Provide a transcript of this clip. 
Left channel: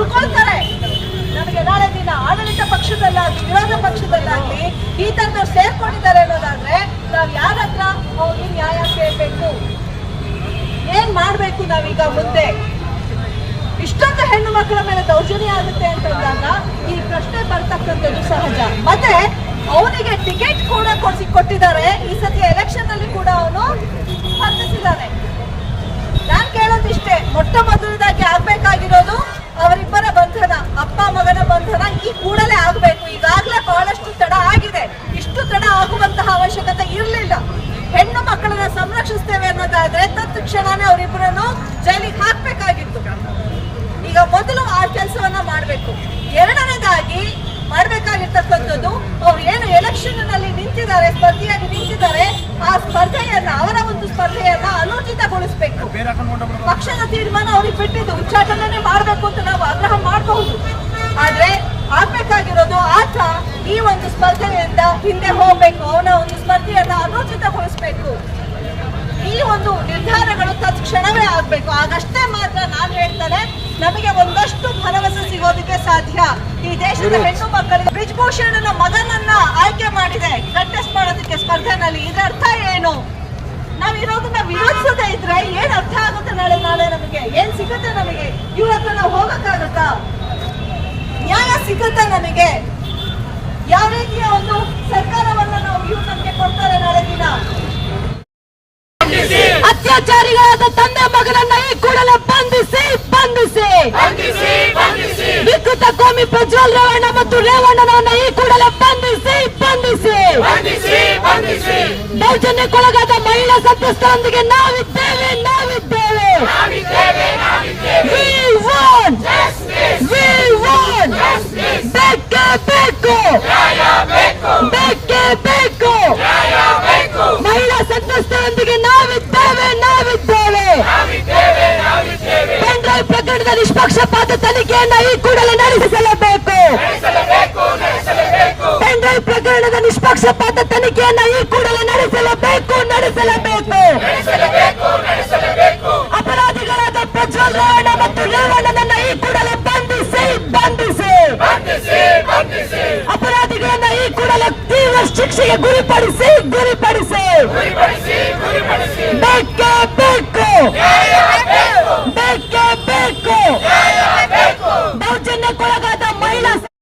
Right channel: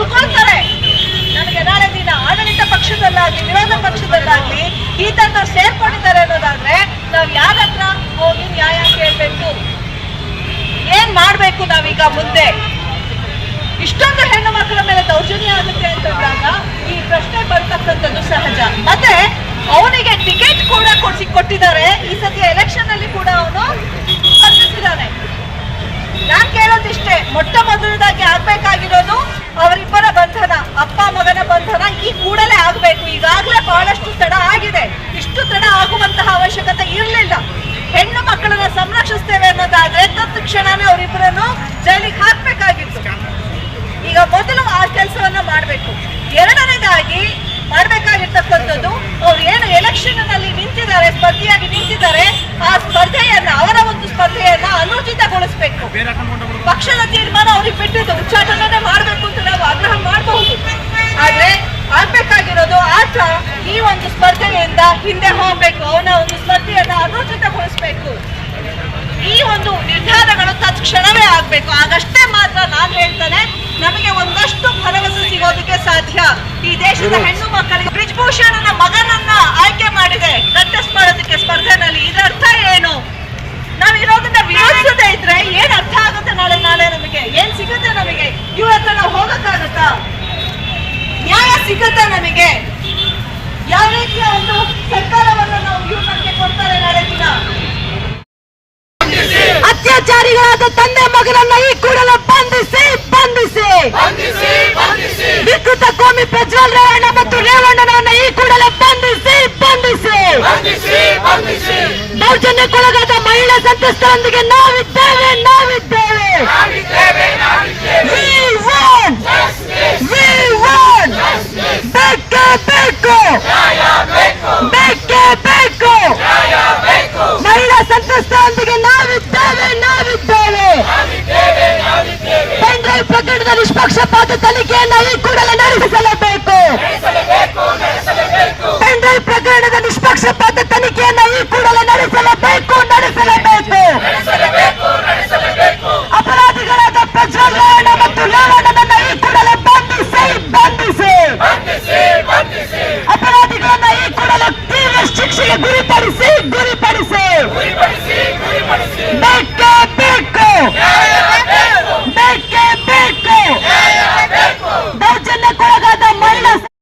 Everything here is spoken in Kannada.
ಉಳ್ಕೊಳ್ತಾರೆ. ನನಗೆ ನಾಳೆ ದಿನ ಆಡಳಿತ ಪಕ್ಷದಲ್ಲಾಗ್ಲಿ ವಿರೋಧ ಪಕ್ಷದಲ್ಲಾಗ್ಲಿ ಈ ತರ ಸೇರ್ಕೊಂಡಿದ್ದಾರೆ ಅನ್ನೋದಾದ್ರೆ ನಾವ್ ಯಾರ ಹತ್ರ ಹೋಗಿ ನ್ಯಾಯ ಕೇಳ್ಬೇಕು? ಏನ್ ಮಾಡ್ಬೇಕು ನಾವೀಗ ಮುಂದೆ? ಇಷ್ಟೊಂದು ಹೆಣ್ಣು ಮಕ್ಕಳ ಮೇಲೆ ದೌರ್ಜನ್ಯ ಆಗುತ್ತೆ ಅಂತಂದಾಗ ಈ ಪ್ರಶ್ನೆ ಬರ್ತಕ್ಕಂಥದ್ದು ಸಹಜ. ಮತ್ತೆ ಅವನಿಗೆ ಟಿಕೆಟ್ ಕೂಡ ಕೊಟ್ಟಿದ್ದಾರೆ. ಈ ಸತಿ ಎಲೆಕ್ಷನ್ ಅಲ್ಲಿ ಕೂಡ ಅವನು ಸ್ಪರ್ಧಿಸಿದ್ದಾನೆ. ನಾನ್ ಕೇಳೋದಿಷ್ಟೇ, ಮೊಟ್ಟ ಮೊದಲದಾಗಿ ಆಗ್ಬೇಕಾಗಿರೋದು ಅವರಿಬ್ಬರ ಬಂಧನ, ಅಪ್ಪ ಮಗನ ಬಂಧನ ಈ ಕೂಡಲೇ ಆಗ್ಬೇಕು. ಈಗಾಗಲೇ ಬಹಳಷ್ಟು ತಡ ಆಗಿದೆ. ಇಷ್ಟು ತಡ ಆಗುವಂತಹ ಅವಶ್ಯಕತೆ ಇರಲಿಲ್ಲ. ಹೆಣ್ಣು ಮಕ್ಕಳನ್ನ ಸಂರಕ್ಷಿಸ್ತೇವೆ ಅನ್ನೋದಾದ್ರೆ ತತ್ಕ್ಷಣನೇ ಅವರಿಬ್ಬರನ್ನು ಜೈಲಿಗೆ ಹಾಕ್ಬೇಕಾಗಿತ್ತು. ಈಗ ಮೊದಲು ಆ ಕೆಲಸವನ್ನ ಮಾಡ್ಬೇಕು. ಎರಡನೇದಾಗಿ ಮಾಡ್ಬೇಕಾಗಿರ್ತಕ್ಕಂಥದ್ದು, ಅವ್ರು ಏನು ಎಲೆಕ್ಷನ್ ನಲ್ಲಿ ನಿಂತಿದ್ದಾರೆ, ಸ್ಪರ್ಧೆಯಾಗಿ ನಿಂತಿದ್ದಾರೆ, ಆ ಸ್ಪರ್ಧೆಯನ್ನ ಅವರ ಒಂದು ಸ್ಪರ್ಧೆಯನ್ನ ಅನೂರ್ಜಿತಗೊಳಿಸ್ಬೇಕು. ಪಕ್ಷದ ತೀರ್ಮಾನ ಅವ್ರಿಗೆ ಬಿಟ್ಟಿದ್ದು, ಉಚ್ಚಾಟನೆ ಮಾಡ್ಬೇಕು ಅಂತ ನಾವು ಆಗ್ರಹ ಮಾಡಬಹುದು. ಆದ್ರೆ ಆಗ್ಬೇಕಾಗಿರೋದು ಆತ ಈ ಒಂದು ಸ್ಪರ್ಧೆಯಿಂದ ಹಿಂದೆ ಹೋಗ್ಬೇಕು, ಅವನ ಒಂದು ಸ್ಪರ್ಧೆಯನ್ನ ಅನೂರ್ಜಿತಗೊಳಿಸ್ಬೇಕು. ಈ ಒಂದು ನಿರ್ಧಾರಗಳು ತತ್ಕ್ಷಣವೇ ಆಗ್ಬೇಕು. ಆಗಷ್ಟೇ ಮಾತ್ರ ನಾನು ಹೇಳ್ತಾನೆ ನಮಗೆ ಒಂದಷ್ಟು ಭರವಸೆ ಸಿಗೋದಕ್ಕೆ ಸಾಧ್ಯ. ಈ ದೇಶದ ಹೆಣ್ಣು ಮಕ್ಕಳಿಗೆ ಬ್ರಿಜ್ಭೂಷಣನ ಮಗನನ್ನ ಆಯ್ಕೆ ಮಾಡಿದೆ ಕಂಟೆಸ್ಟ್ ಮಾಡೋದಕ್ಕೆ ಸ್ಪರ್ಧೆನಲ್ಲಿ. ಇದರ ಅರ್ಥ ಏನು? ನಾವ್ ಇರೋದನ್ನ ವಿರೋಧಿಸದೇ ಇದ್ರೆ ಏನ್ ಅರ್ಥ ಆಗುತ್ತೆ? ನಾಳೆ ನಮಗೆ ಏನ್ ಸಿಗುತ್ತೆ? ನಮಗೆ ಇವ್ರ ಹತ್ರ ನಾವು ಹೋಗಕ್ಕಾಗತ್ತಾ? ನ್ಯಾಯ ಸಿಗುತ್ತಾ ನಮಗೆ? ಯಾವ ರೀತಿಯ ಒಂದು ಸರ್ಕಾರವನ್ನು ನಾವು ಇವ್ರ ಬಗ್ಗೆ ಕೊಡ್ತಾರೆ ನಾಳೆ ದಿನ? ಅತ್ಯಾಚಾರಿಗಳಾದ ತಂದೆ ಮಗನನ್ನ ಈ ಕೂಡಲೇ ಬಂಧಿಸಿ ವಿಕೃತ ಕೋಮಿ ಪ್ರಜ್ವಲ್ ರೇವಣ್ಣ ಮತ್ತು ರೇವಣ್ಣನನ್ನ ಈ ಕೂಡಲೇ ಬಂಧಿಸಿ ದೌರ್ಜನ್ಯಕ್ಕೊಳಗಾದ ಮಹಿಳಾ ಸಂತ್ರಸ್ತರೊಂದಿಗೆ ನಾವಿದ್ದೇವೆ. ಬೇಕೇ ಬೇಕು. ಮಹಿಳಾ ಸಂತ್ರಸ್ತರೊಂದಿಗೆ ನಾವಿದ್ದೇವೆ. ಪೆನ್ಡ್ರೈವ್ ಪ್ರಕರಣದ ನಿಷ್ಪಕ್ಷಪಾತ ತನಿಖೆಯನ್ನು ಈ ಕೂಡಲೇ ನಡೆಸಲೇಬೇಕು. ಪೆನ್ಡ್ರೈವ್ ಪ್ರಕರಣದ ನಿಷ್ಪಕ್ಷಪಾತ ತನಿಖೆಯನ್ನು ಈ ಕೂಡಲೇ ನಡೆಸಲೇಬೇಕು. ಅಪರಾಧಿಗಳಾದ ಪ್ರಜ್ವಲ್ ರೇವಣ್ಣ ಮತ್ತು ರೇವಣ್ಣನನ್ನ ಈ ಕೂಡಲೇ ಬಂಧಿಸಿ ಅಪರಾಧಿಗಳನ್ನ ಈ ಕೂಡಲೇ ತೀವ್ರ ಶಿಕ್ಷೆಗೆ ಗುರಿಪಡಿಸಿ ಬೇಕೇ ಬೇಕು. ದೌರ್ಜನ್ಯಕ್ಕೊಳಗಾದ ಮಹಿಳಾ